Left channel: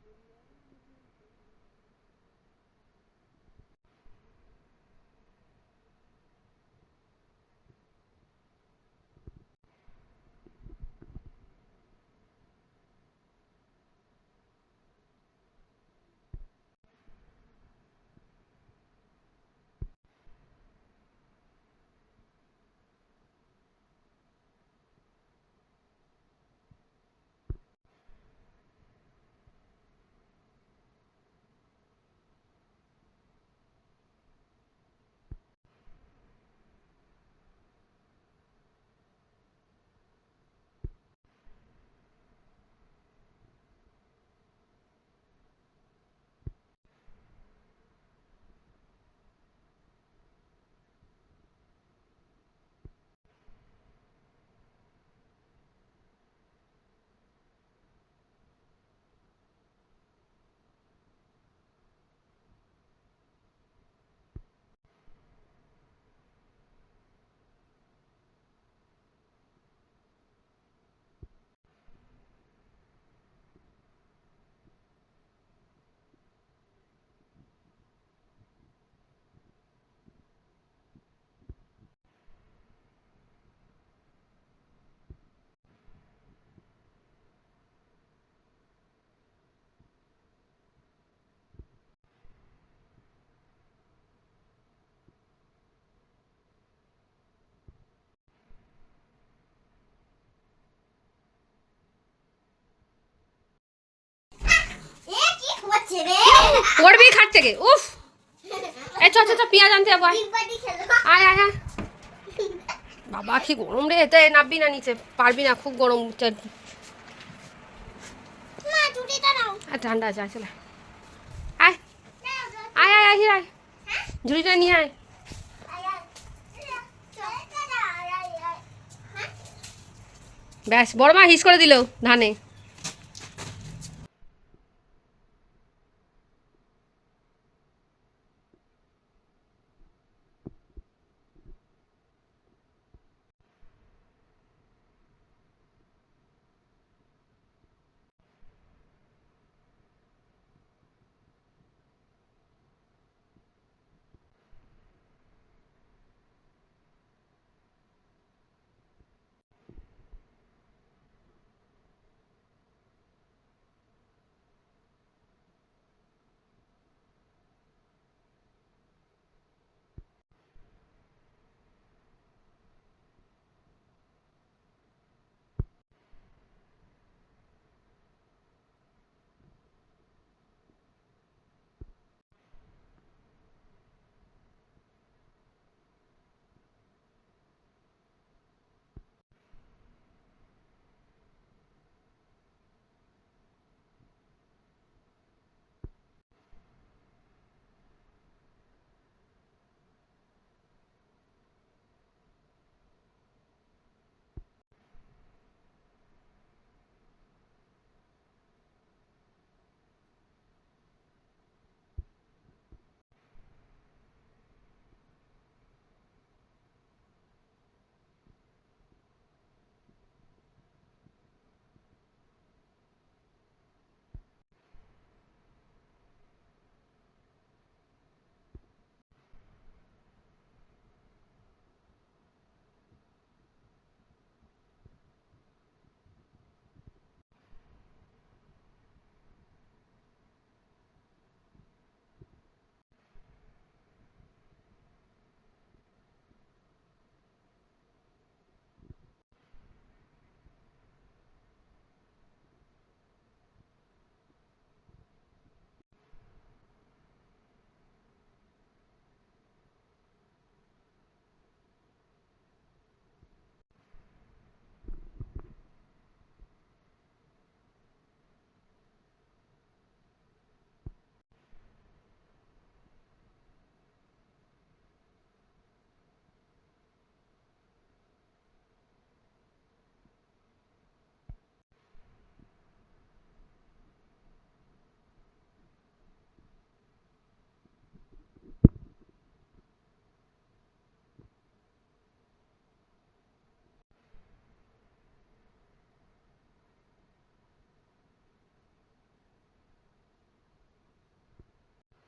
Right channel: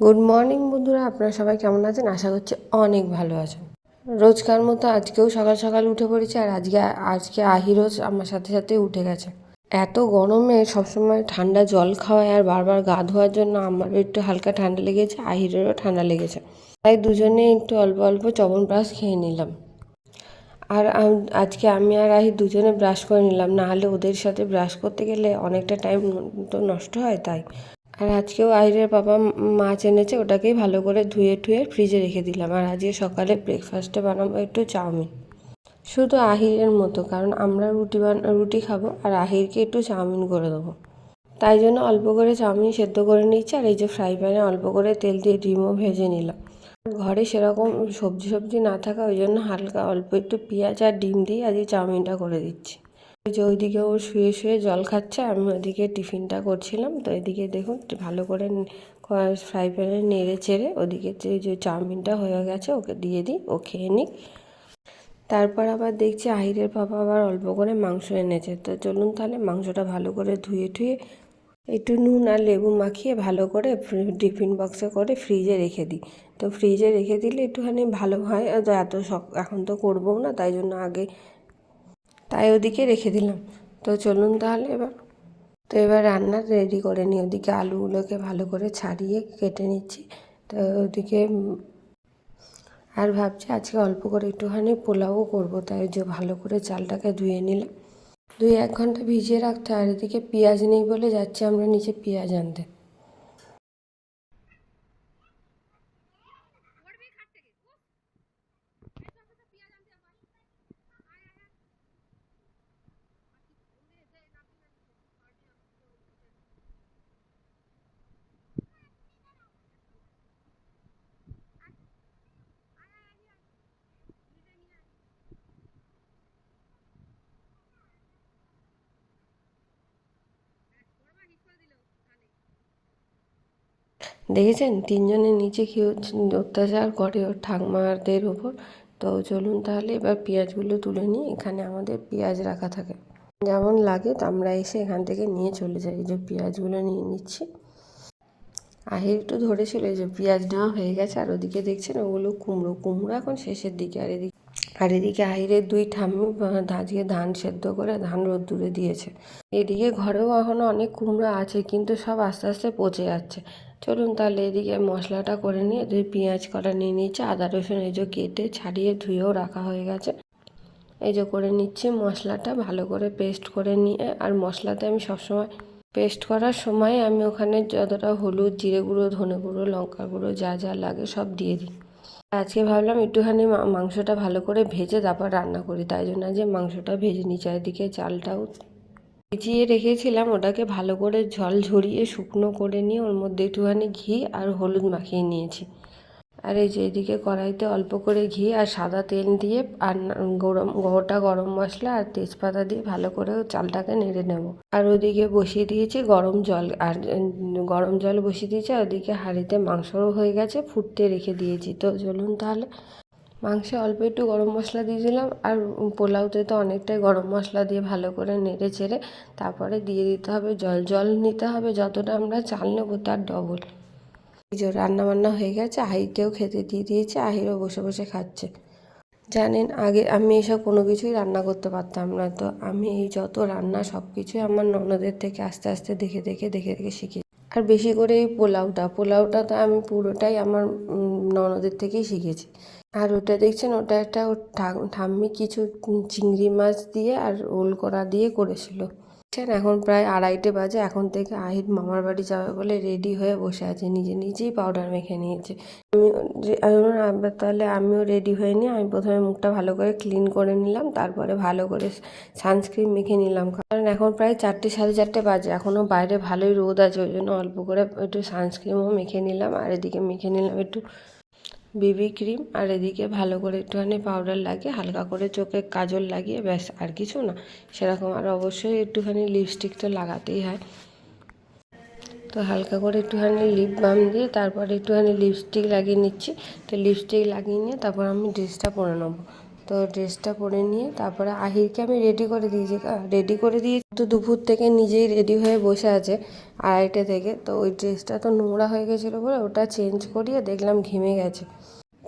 Good morning বন্ধুরা, আপনারা সবাই কেমন আছেন? আশা করছি অনেক ভালো আছেন। রোজকার মতো আজকেও সকাল সকাল উঠে পড়েছি, আর আজকে আহিরোজ আমার সাথে সাথে উঠে গেছে। এত গরমে সবসময় ঠান্ডা জল খাওয়ায় আর বারবার গা ধোয়ার জন্য আমারও একটু হালকা ঠান্ডা লেগেছে, আহিরেরও ঠান্ডা লেগেছে। তাই দুজনে একটু অল্প অল্প চ্যবনপ্রাশ খেয়ে নিলাম। আর আজকে আমি আর আহি দুজনে ব্রাশ করে নিলাম, না হলে ওদের সাথে ব্রাশ করতে গেলে অনেকটা টাইম তো নষ্ট হয়। তাই আর আজকেও আহিরের বাবা মাছ এনেছে, ওটাকেই ভালো করে ধুয়ে টুয়ে ফ্রিজে রেখে দিলাম। আর আজকে সকালে ব্রেকফাস্টে বানাবো একটু চাউমিন, শুধু আহিরের মতো, কারণ আমরা রুটি খাবো আর আহিরকে একটু চাউমিন করে দেবো। তাই জন্য অল্প করে চাউমিন সেদ্ধ করে নিচ্ছি। আর এই যে ফ্রাই প্যানে অল্প করে তেল দিয়ে ডিমও ভেজে নিলাম। ঘরে সেরকম সবজি না থাকা, ওই জন্য হালকা অল্প একটু পেঁয়াজ আর ডিম দিয়ে আজকে চাউমিনটা করে দিচ্ছি। ওই যে ওইদিকে ও শুয়ে শুয়ে জল খাচ্ছে, আমি ওইদিকে টিফিনটা করছিলাম। তো এদিকে দেখুন ভালো করে ফ্রাই প্যানে নেড়ে চেড়ে ওদিকে যে চাউমিনটা হয়ে গেছে ওকে দিয়ে দিই, ও খেয়ে নিক। তারপর আবার দেখছি আহিরের বাবা আবার অল্প করে মাংস এনেছে। তো চলুন তাহলে মাংসটা ভালো করে ধুয়ে টুয়ে একটু নুন আর লেবু মাখিয়ে ভালো করে টিফিন বক্সে করে ফ্রিজে রেখে দিই। তো ফ্রিজে রেখে দিলে একটুখানি ভালো হয়। তো এত এখন তো করবো না, তাই ওদিকে রেখে দিলাম। তো চলুন তাহলে এবার রান্না রেডি করে নিই। ওদিকে আলুগুলোকে ভালো করে ছাড়িয়ে কেটে নিচ্ছি। তো ওদিকে আর ভাবছি আজকে অল্প করে একটুখানি পোলাও করবো, তাই যে ভালো করে চালটাকে ধুয়ে নিলাম। 2-1 ঘন্টা ভিজিয়ে রাখতে। আর এদিকে পেঁয়াজ নেই বলে যাচ্ছি আমরা নিচে পেঁয়াজ আনতে। পড়বি খাট থেকে। উফ, এই চ পেঁয়াজ আনতে যাবো। আয় আয় আয়। বাবা কি গরম রে, এতে নামবি না নিচে, পারবি না, খুব গরম। ঠান্ডা আছে, চলে আয় আয় আয় আয় আয়, ঝুড়িটা নিয়ে আয়। ব্যাস, বড় মা হিস করে দিল ধানে। দেখেছেন তিনজনের নিচে কি অত্যাচার করে ওর ঠাকমাদের ওপর। তো চলুন তাহলে এবার পেঁয়াজগুলো তুলে নিই। এখানে আমাদের পেঁয়াজ রাখা থাকে, যেমন লাগে তো আমরা এসে এখান থেকে নিয়ে চলে যাই। এই যে পেঁয়াজগুলো নিয়ে নিচ্ছি। আহির একটু ধরেছিল, এই যে পেঁয়াজ নেওয়া হয়ে গেছে। আর ওদিকে দেখছেন ওগুলো কুমড়ো এখন শেষের দিকে। আর এদিকে আহিরের 2 ঠাম্মি আজকে ধান সেদ্ধ করে ধান রোদ্দুরে দিয়েছে। এদিকে ঘরেও এখনও অনেক কুমড়ো আছে, কিন্তু সব আস্তে আস্তে পচে যাচ্ছে। চলুন তাহলে এদিকে মশলাটা করে নিয়ে পেঁয়াজ কটা নিয়ে নিচ্ছে, আদা রসুন এই যে কেটে ছাড়িয়ে ধুয়েও রাখা হয়ে গেছে। এই যে করে নিচ্ছি মশলাটা ভালো করে পেস্ট করে নিয়ে। আর মশলাতে আমি সবসময় পেস্ট করার সময় আমি ওখানে যতটা হলুদ, জিরে গুঁড়ো, ধনে গুঁড়ো, লঙ্কা গুঁড়ো যা যা লাগে সব দিয়ে দিই। আজকে ভাবলাম একটুখানি মাংসটা ভালো করে ভেজে তারপর রান্না করি, তাই জন্য যে মাংসটা ভেজে নিই। চারিদিকে চালটাও ভিজিয়ে রেখেছিলাম, ওটাকে ভালো করে জল ঝরিয়ে শুকনো করে নিয়ে ওর মধ্যে একটুখানি ঘি আর হলুদ মাখিয়ে নিয়েছি। আর এই যে এদিকে কড়াইতে অল্প করে ঘি আর সাদা তেল দিয়ে আর গোটা গরম মশলা আর তেজপাতা দিয়ে ভালো করে চালটাকে নেড়ে নেব। আর ওদিকে বসিয়ে দিয়েছি গরম জল, আর গরম জল বসিয়ে দিয়েছি। আর ওদিকে হাঁড়িতে মাংসও হয়ে গেছে, ফুটতে রেখে দিয়েছি। তো চলুন তাহলে মাংসে অল্প একটু গরম মশলা দিয়ে দিলাম। আর পোলাওতে তো অনেকটাই গরম মশলা দিয়ে ভালো করে নেড়ে চেড়ে তারপরে দিয়ে দিতে হবে জল নিতে হবে যতটা আমরা চাল নেবো তার ডবল। এই যে রান্নাবান্না হয়ে গেছে, আহিরকেও খেতে দিয়ে দিয়েছে, আহিরও বসে বসে খাচ্ছে। জানেন আগে আমি এসব কোনো কিছুই রান্না করতে পারতাম না। তো আমি এই যত রান্না সব কিছুই আমার ননদের থেকে আস্তে আস্তে দেখে দেখে শিখি। আর বেশি করে এই পোলাওটা তো আমি পুরোটাই আমার ননদের থেকেই শিখেছি। আর ওটা দেখছেন, ওটা একটা ঠাম্মি কিছু চিংড়ি মাছ দিয়ে আর ওল করা দিয়ে করেছিল। এখন প্রায় 2:30 বাজে। এখন থেকে আহির মামার বাড়ি যাবে বলে রেডি হয়ে বসে আছে, নিজেই পাউডার মেখে নিয়েছে। আমি তাহলে আমিও রেডি হয়ে নিই। আমি প্রথমে মুখটা ভালো করে ক্লিন করে নিলাম, তারপরে ভালো করে সানস্ক্রিন মেখে নিলাম, কারণ এখন প্রায় 4টে 4:30 বাজে, এখনও বাইরে ভালোই রোদ আছে। ওই জন্য অল্প করে একটু সানস্ক্রিনও মেখে নিলাম। আর এদিকে মেখে নিলাম একটু বেবি ক্রিম। আর এদিকে ভালো করে একটুখানি পাউডার লাগিয়ে হালকা করে চোখে কাজল লাগিয়ে, ব্যাস আর কিছু না সেরকম। আর অবশ্যই একটুখানি লিপস্টিক তো লাগাতেই হয়। তো হালকা করে একটুখানি লিপ বাম দিয়ে তারপরে একটুখানি লিপস্টিক লাগিয়ে নিচ্ছি। তো লিপস্টিক লাগিয়ে নিয়ে তারপর আমি ড্রেসটা পরে নেবো। তো ড্রেসটা পরে নিয়ে তারপরে আহিরকে আমি রেডি করে দিয়ে তো দুপুর থেকে নিজেই রেডি হয়ে বসে আছে 2:30 থেকে। তো ওই ড্রেসটা তো নোংরা হয়ে গেছিলো বলে ওটা চেঞ্জ করিয়ে দেখলাম ঘেমে গেছে,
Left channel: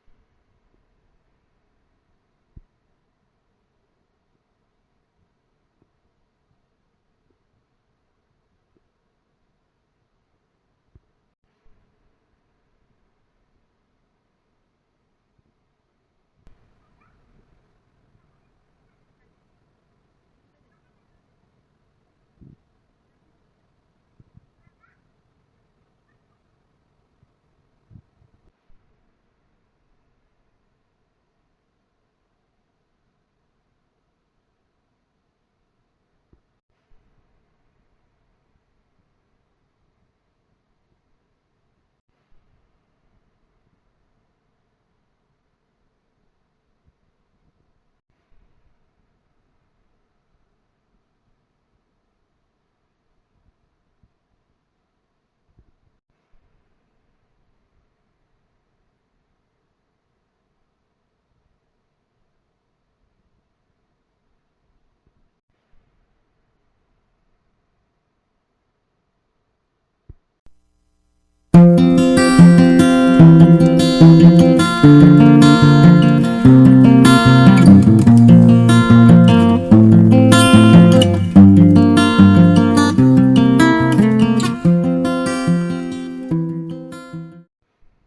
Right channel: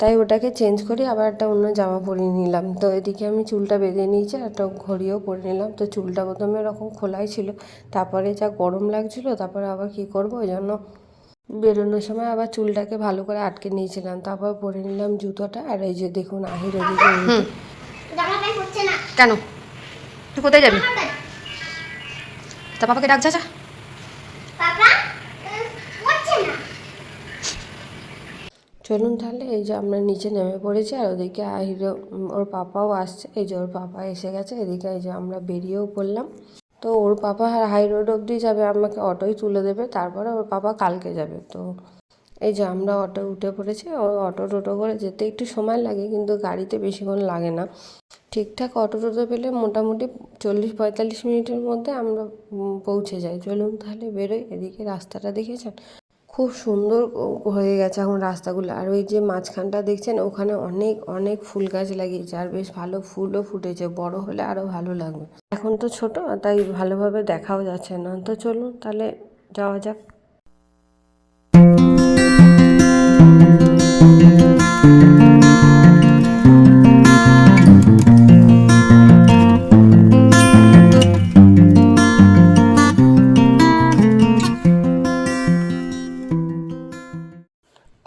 তাই ওটাকে চেঞ্জ করি আবার একটা অন্য জামা পরিয়ে নিলাম। তো এদিকে আমি চুলটা বেঁধে নিয়েছি, একটা ঘড়িও পরে নিলাম। তো চুলটা প্রথমে এরকম খোলাই ছিল, তারপরে যা গরম লাগছিলো তারপরে আবার কি করব, ওই জন্য বেরোনোর সময় আবার চুলটাকে ভালো করে আটকে নিয়েছিলাম। তারপর পরে নিলাম জুতোটা। আর এই যে দেখুন আহির এদিকে কেন তুই কোথায় যাবি? তা পাপাকে ডাক, যা। চলুন তাহলে, এই যে আমরা নিচে নেমে পড়েছি আর ওদিকে আহির ওর পাপাও আসছে। এই যে ওর পাপা এসে গেছে, এদিকে এই যে আমরা বেরিয়েও পড়লাম। তো ওর পাপা হাই রোড অবধি যাবে, আমাকে অটোই তুলে দেবে, তারপরে ওর পাপা কালকে যাবে। তো এই যে আমরা অটো উঠে পড়েছি। টোটো করে যেতে একটু সময় লাগে, কিন্তু গাড়িতে বেশিক্ষণ লাগে না। ঠিকঠাক টোটো পেলে মোটামুটি 40-45 মিনিটের মধ্যে আমরা পৌঁছে যাই। চলুন তাহলে বেরোই। এদিকে রাস্তাটা দেখেছেন, খুব সুন্দর হয়ে গেছে এখন রাস্তাগুলো। আর ওই যে মাঝখানটা দেখছেন, ওখানে অনেক অনেক ফুল গাছ লাগিয়েছে আর বেশ ভালো ফুলও ফুটেছে, বড় হলে আরও ভালো লাগবে। এখন তো ছোট, তাই ভালোভাবে দেখাও যাচ্ছে না। তো চলুন তাহলে যাওয়া যাক।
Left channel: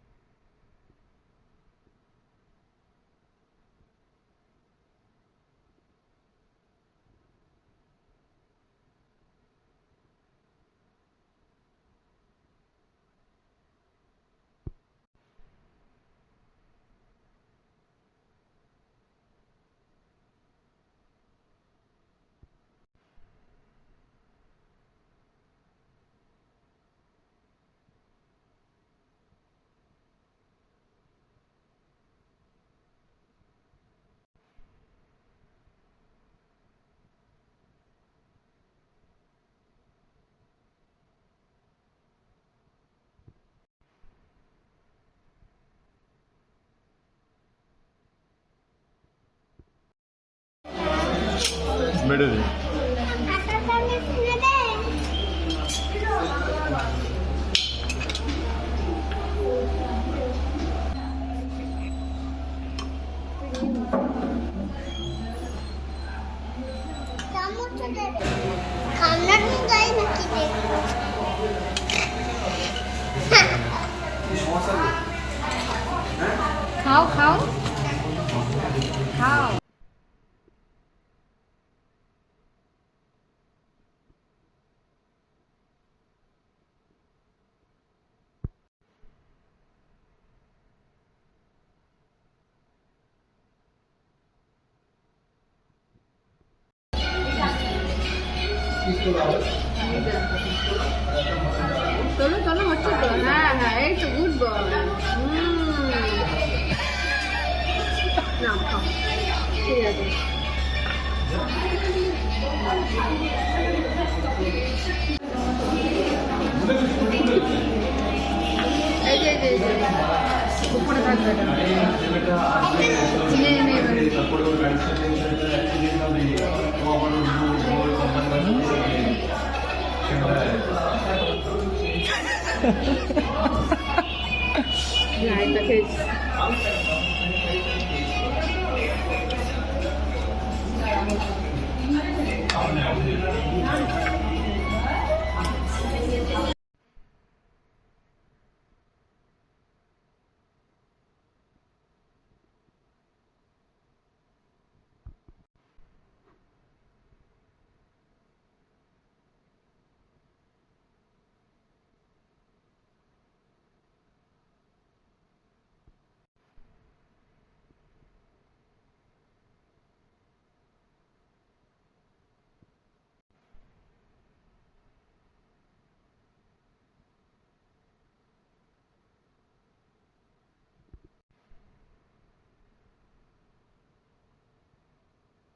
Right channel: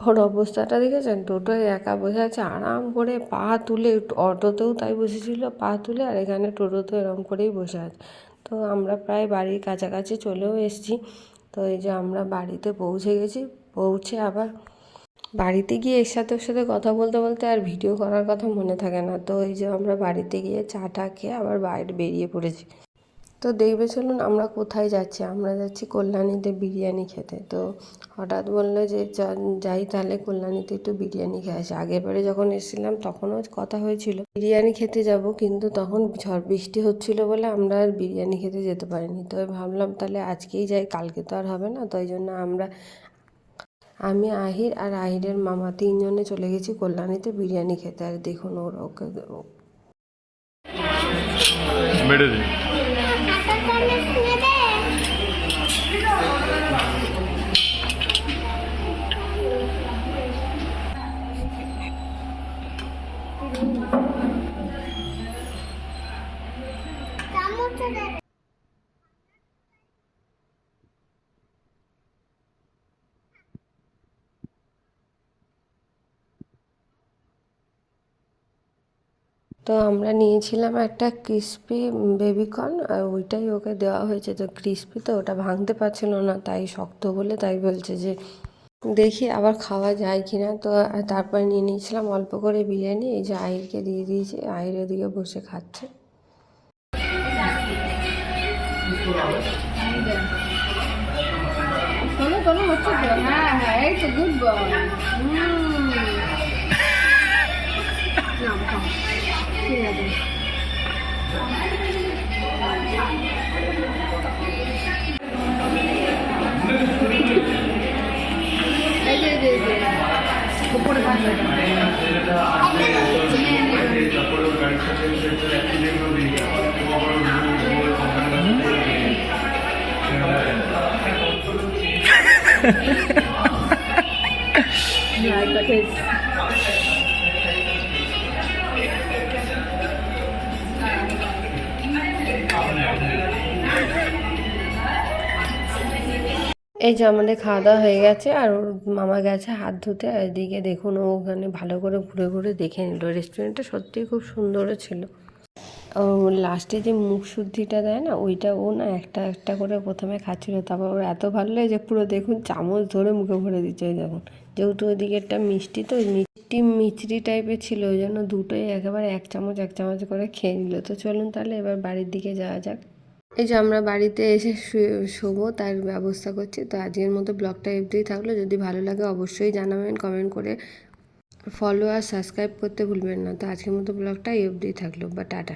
ওর অবস্থাটা দেখেছেন, টোটোয় একা বসে আছে আরাম করে পা তুলে। অটোতেও তাই বসেছিল পা তুলে, আর এখানে টোটোতেও এরকম করেই বসে আছে। তো আমরা প্রায় বাড়ির কাছাকাছি চলেও এসেছি। তো এই যে আমরা বাড়িতে পৌঁছে গেছি। পৌঁছে আবার বাড়িতে গিয়ে ওর সাথে কথা বলতে বলতে আর ভিডিও করার কথা মনে থাকে না। তো এই যে আমরা বাড়িতে গিয়ে চা খেয়ে আবার বাইরে বেরিয়ে পড়েছি। তো দেখবে চলুন আমরা কোথায় যাচ্ছি। আমরা যাচ্ছি কল্যাণীতে বিরিয়ানি খেতে। তো হঠাৎ বললো যে যাই তাহলে কল্যাণীতে একটু বিরিয়ানি খেয়ে আসি। আগেরবারে যখন এসেছিলাম তখনও কথা হয়েছিল বিরিয়ানি খেতে যাব, কিন্তু তখন ঝড় বৃষ্টি হচ্ছিল বলে আমরা আর বিরিয়ানি খেতে যেতে পারিনি। তো ভাবলাম তাহলে আজকেই যাই, কালকে তো আর হবে না। তো এই জন্য আমি আহির আর আহিরের মামা 3 জনে চলে গেছি কল্যাণীতে বিরিয়ানি খেতে। আর দেখুন ওকে মেরে দে। তো আমরা নিয়েছিলাম একটা ক্রিসপি বেবিকর্ন, আর ওইটাই ওকে দেওয়া হয়েছে। তো ক্রিসপি তো ওটা ভাঙতে পারছিল না, তাই শক্ত বলে তাই বলছে যে দেখি আবার খাওয়া যায় কি না। তো তারপরে নিয়ে নিয়েছিলাম অল্প করে বিরিয়ানি। এই যে আহিরকে দিয়ে দিয়েছি, আহির ওদিকে বসে খাচ্ছে। চলো হচ্ছে তো। হ্যাঁ এই তো গুড বয়। ঠিক আছে। উপরে থাকবে এই যে আমাদের খাওয়া দাওয়া হয়ে গেছে, আর ওর মামা গেছে হাত ধুতে। আর এদিকে দেখুন ও ওখানে ভালো করে ঘুরে ঘুরে দেখে নিল। রেস্টুরেন্টটা সত্যিই খুব সুন্দরও ছিল। লাস্টে যে মুখ শুদ্ধিটা দেয় না, ওইটা ও না একটা একটা করে প্রথমে খাচ্ছিল। তারপর ওর এত ভালো লাগে যে পুরো দেখুন চামচ ধরে মুখে ভরে দিচ্ছে। ওই দেখুন, যেহেতু ওইদিকে একটা মিষ্টি, তো মিষ্টি মিচড়ি টাইপের ছিল, ওই জন্য দুটোই একেবারে এক চামচ করে খেয়ে নিল। তো চলুন তাহলে এবার বাড়ির দিকে যাওয়া যাক। এই যে আমরা বাড়িতে এসে শোবো তার ব্যবস্থা করছি। তো আজকের মতো ব্লগটা এমনিই থাকলো। যদি ভালো লাগে অবশ্যই জানাবেন কমেন্ট করে। ফলো আর সাবস্ক্রাইব করতে ভুলবেন না। তো আজকের মতো ব্লগটা এই অবধিই থাকলো। বা টাটা।